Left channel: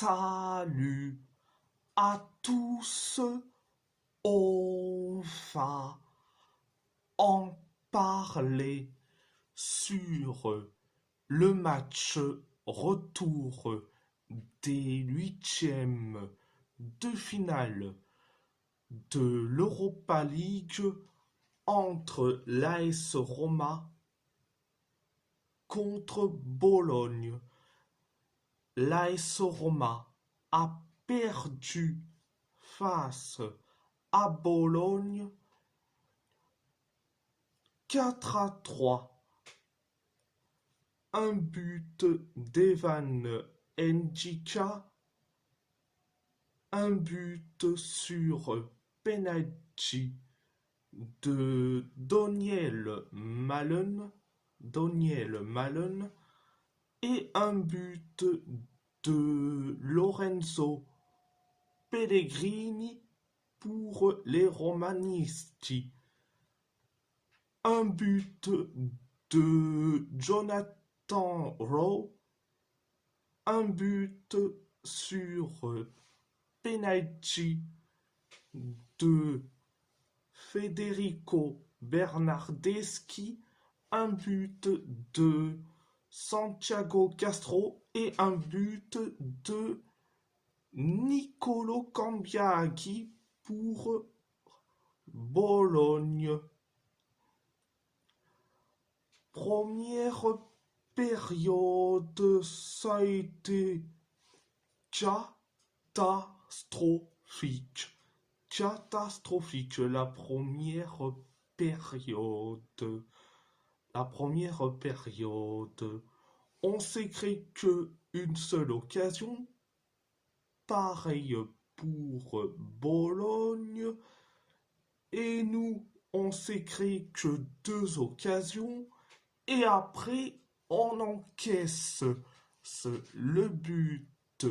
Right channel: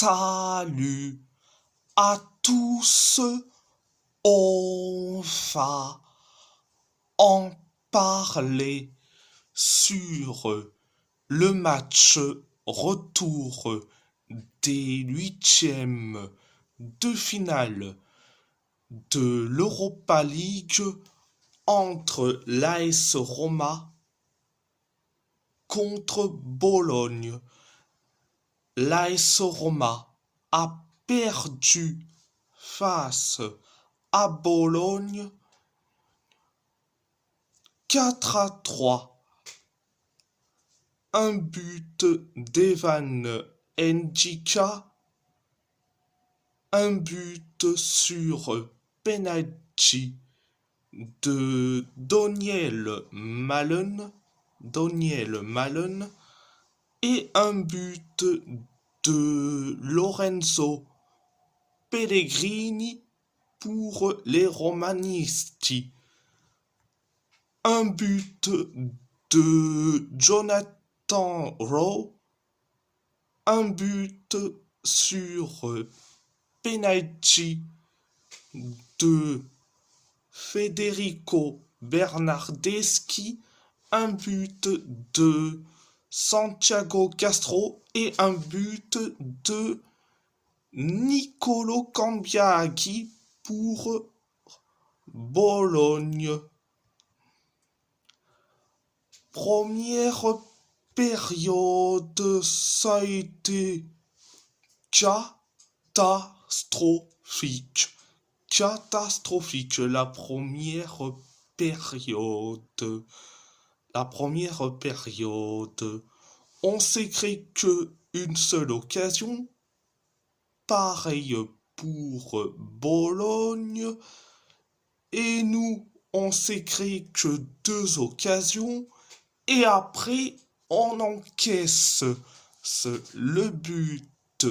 Salut à tous, on va en parler sur le match retour des huitièmes de finale de l'Europa League entre l'AS Roma contre Bologne. L'AS Roma a perdu face à Bologne 4-3. Un but d'Evan Ndjika, un but sur penalty de Daniel Malen et un but de Lorenzo Pellegrini pour les Romanisti. Un but de Jonathan Rowe, un but sur penalty de Federico Bernardeschi, un but de Santiago Castro et un but de Nicolo Cambiaghi pour Bologne. Première période, ça a été catastrophique. La première période. On s'est créé que une seule occasion. Pareil pour Bologne. Et nous, on s'est créé que deux occasions. Et après, on encaisse le but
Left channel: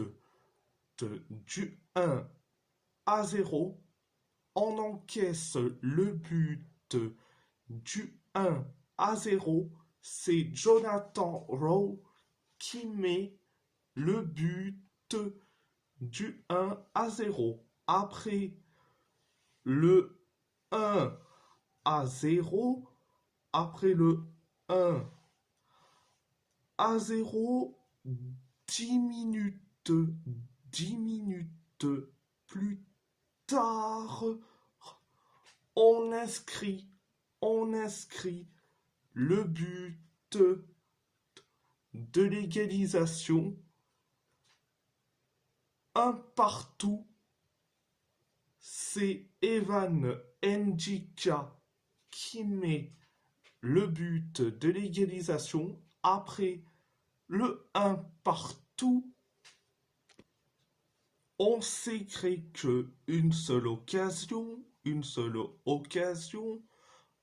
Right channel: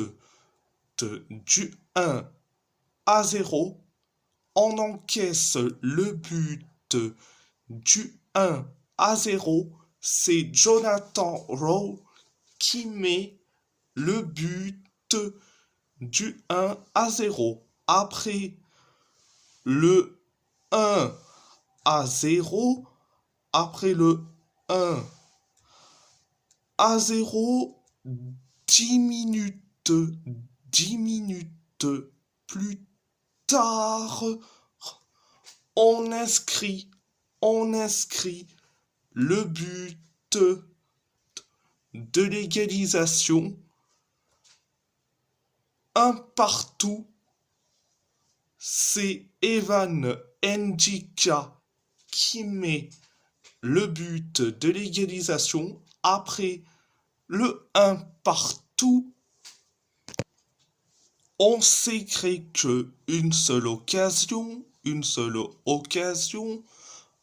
du 1-0. On encaisse le but du 1-0. C'est Jonathan Rowe qui met le but du 1-0. Après le 1-0, après le 1-0, 10 minutes plus tard, on inscrit le but de l'égalisation. Un partout. C'est Evan Ndjika qui met le but de l'égalisation. Après le 1 partout, on s'est créé que une seule occasion.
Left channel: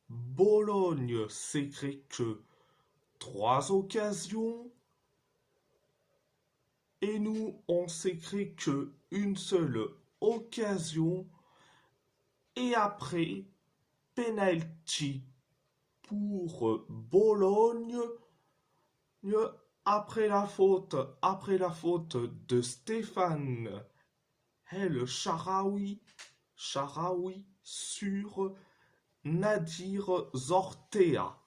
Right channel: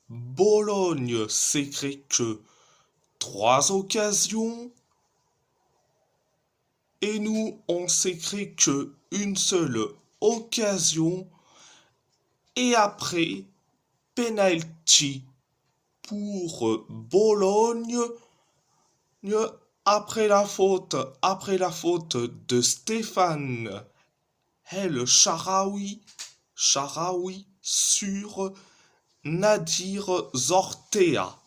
Bologne s'est créé que 3 occasions. Et nous, on s'est créé que une seule occasion. Et après, penalty pour Bologne. Après la faute de Stéphane El Shaarawy sur Nadir Zortea.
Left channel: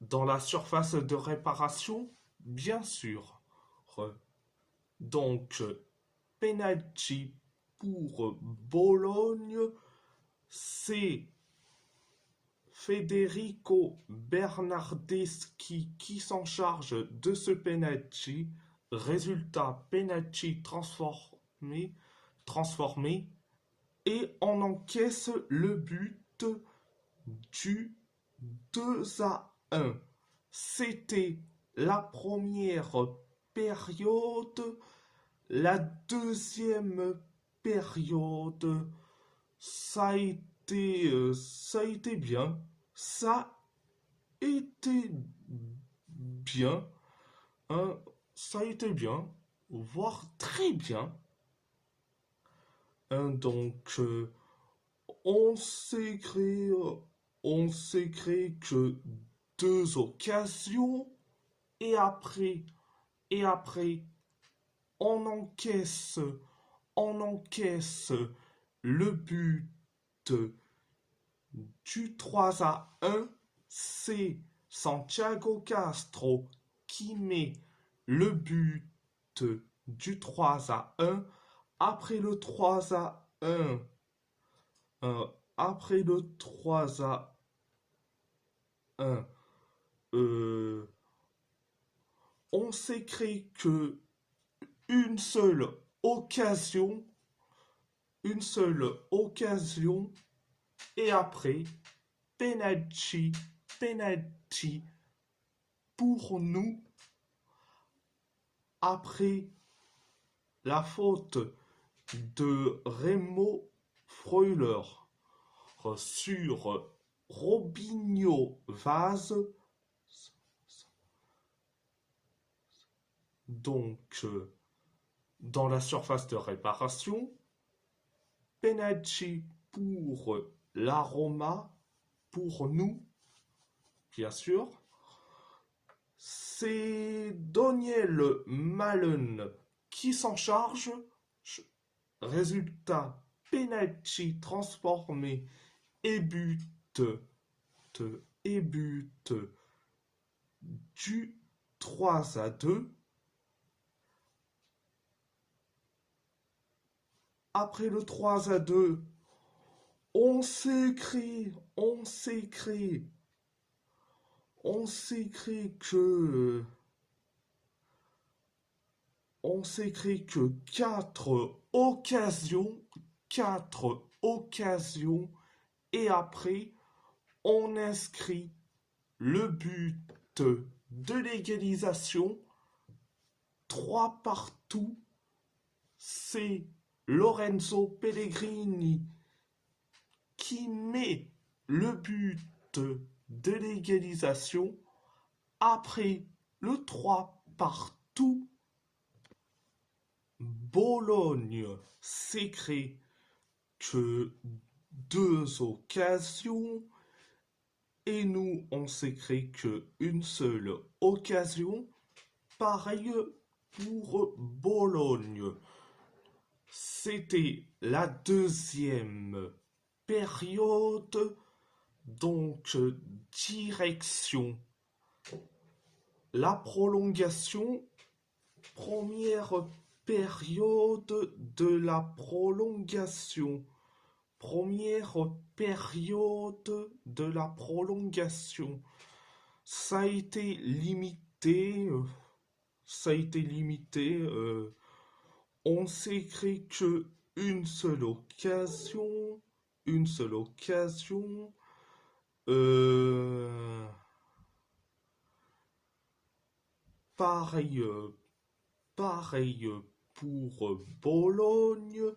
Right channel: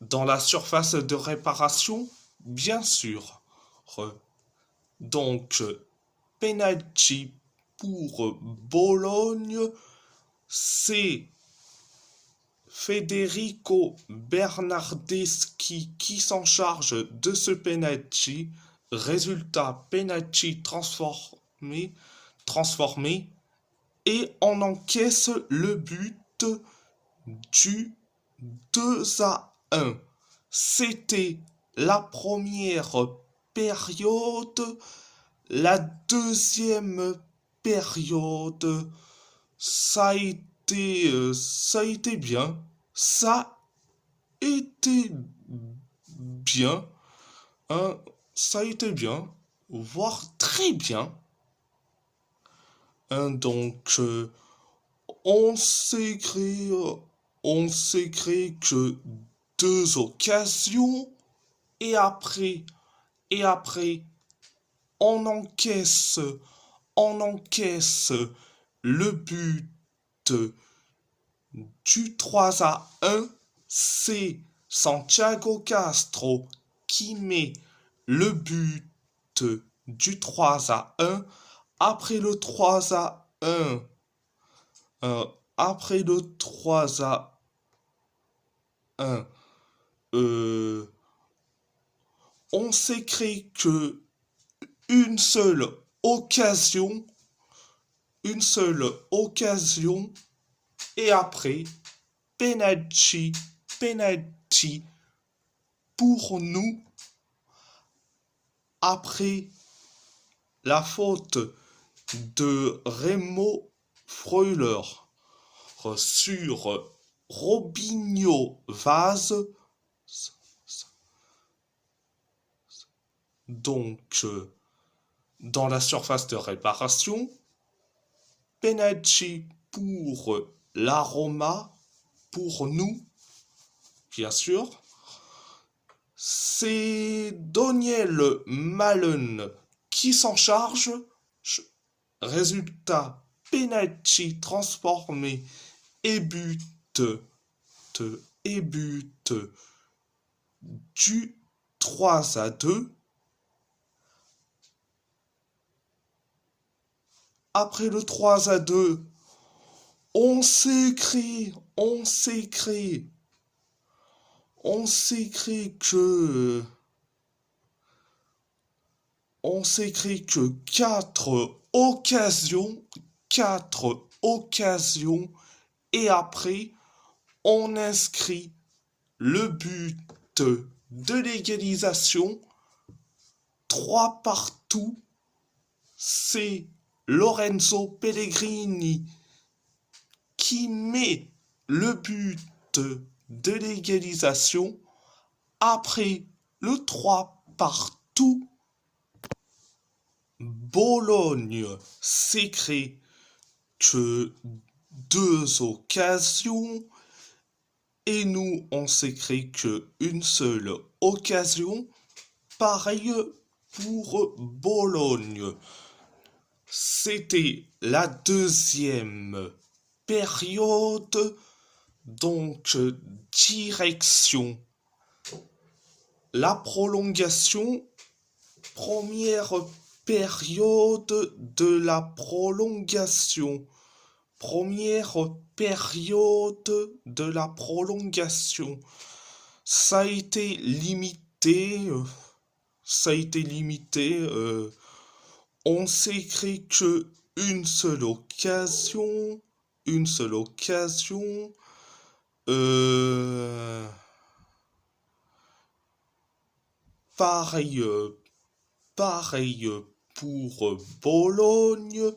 Dans la surface de réparation, bien sûr. Donc, penalty pour Bologne, c'est Federico Bernardeschi qui s'en charge de ce penalty. Résultat, penalty transformé et on encaisse le but du 2-1. C'était la première période. La deuxième période, ça a été bien. Ça a été bien, voire très bien. Donc, on s'est créé que deux occasions et après on encaisse le but du 3-1. C'est Santiago Castro qui met le but du 3-1. Après le 3-1, après le 3-1, on s'est créé que une seule occasion, et après penalty pour nous, après la faute de Remo Freuler sur Robinho Vaz. Donc, dans la surface de réparation, penalty pour la Roma, pour nous, bien sûr. C'est Daniel Malen qui s'en charge. Résultat, penalty transformé et but du 3-2. Après le 3-2, on s'écrit que quatre occasions, et après on inscrit le but de l'égalisation 3-2. C'est Lorenzo Pellegrini qui met le but de l'égalisation. Après le 3-2, Bologne s'écrit que 2 occasions et nous on s'écrit que une seule occasion. Pareil pour Bologne. C'était la deuxième période, donc direction la prolongation. Première période de la prolongation. Ça a été limité. On s'écrit que une seule occasion. Pareil pour Bologne.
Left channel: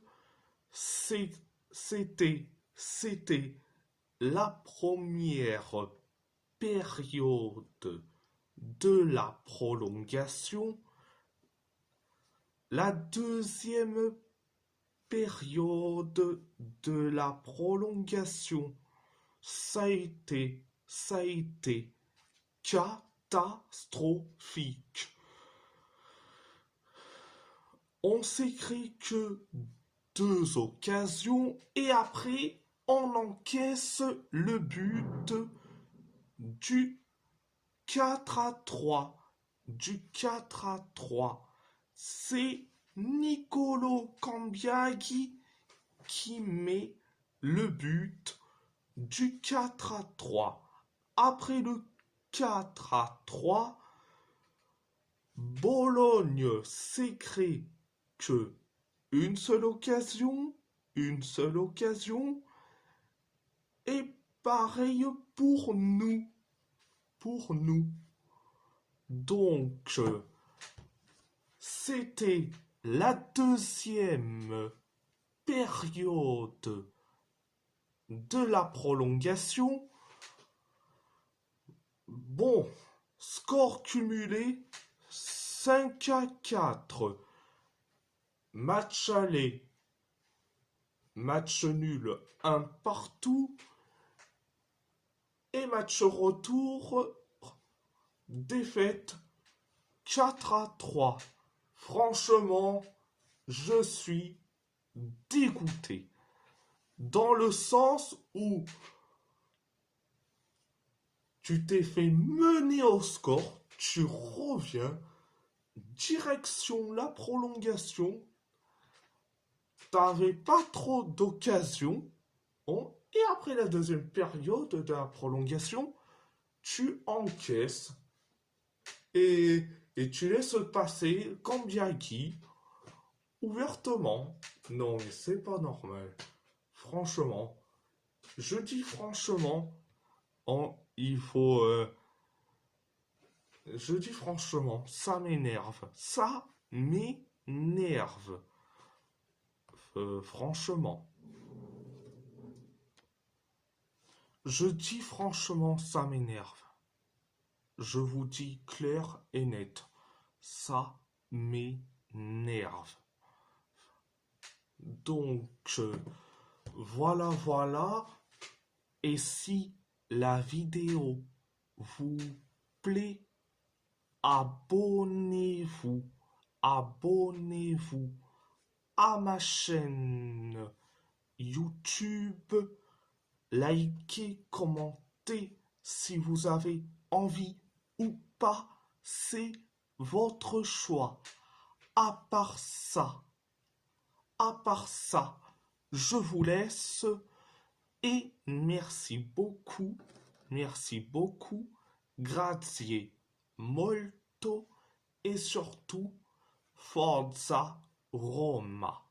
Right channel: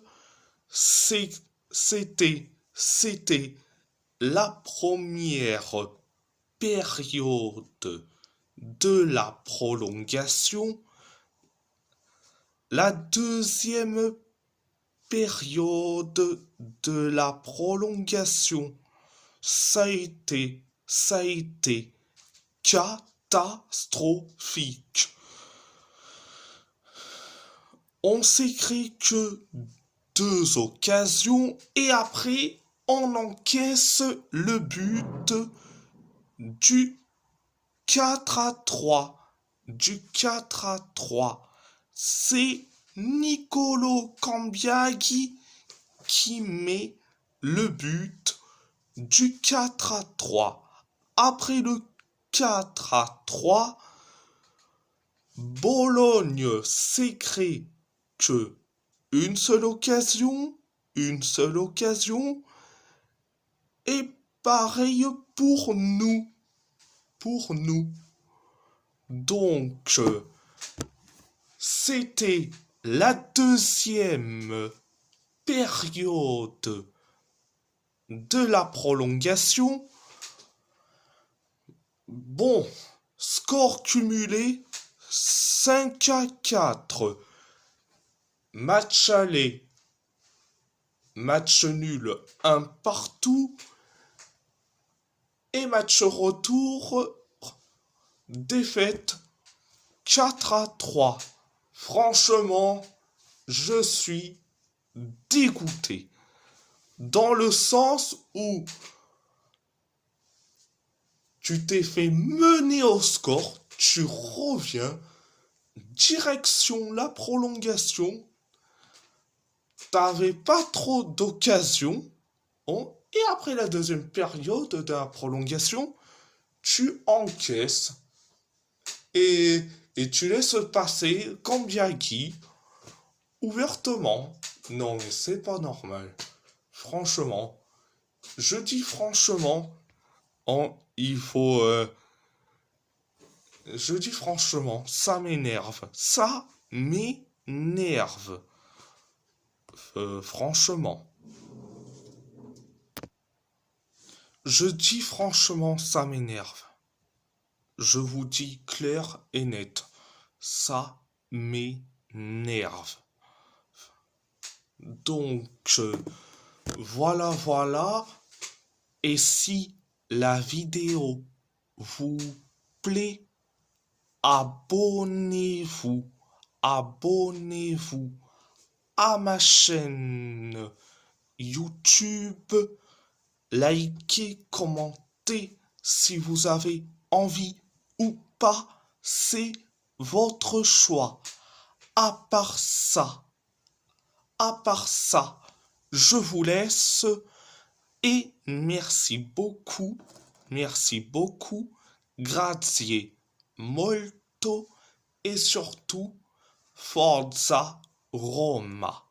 C'était la première période de la prolongation. La deuxième période de la prolongation, ça a été catastrophique. On s'écrit que 2 occasions et après on encaisse le but du 4-3. C'est Nicolo Cambiaghi qui met le but du 4-3. Après le 4-3, Bologne s'écrit que une seule occasion, et pareil pour nous. Donc, c'était la deuxième période de la prolongation. Bon, score cumulé 5-4. Match aller, match nul 1-1. Et match retour, défaite 4-3 Franchement, je suis dégoûté. Dans le sens où tu t'es fait mener au score, tu reviens, direction la prolongation, t'avais pas trop d'occasions, et après la deuxième période de la prolongation, tu encaisses et, et tu laisses passer Kambiaki ouvertement. Non mais c'est pas normal. Franchement, je dis franchement, il faut... je dis franchement, ça m'énerve. Ça m'énerve. Franchement. Je dis franchement, ça m'énerve. Je vous dis clair et net. Ça m'énerve. Donc, voilà. Et si la vidéo vous plaît, abonnez-vous à ma chaîne YouTube. Likez, commentez si vous avez envie ou pas. C'est votre choix. À part ça, je vous laisse et merci beaucoup, grazie molto et surtout Forza Roma.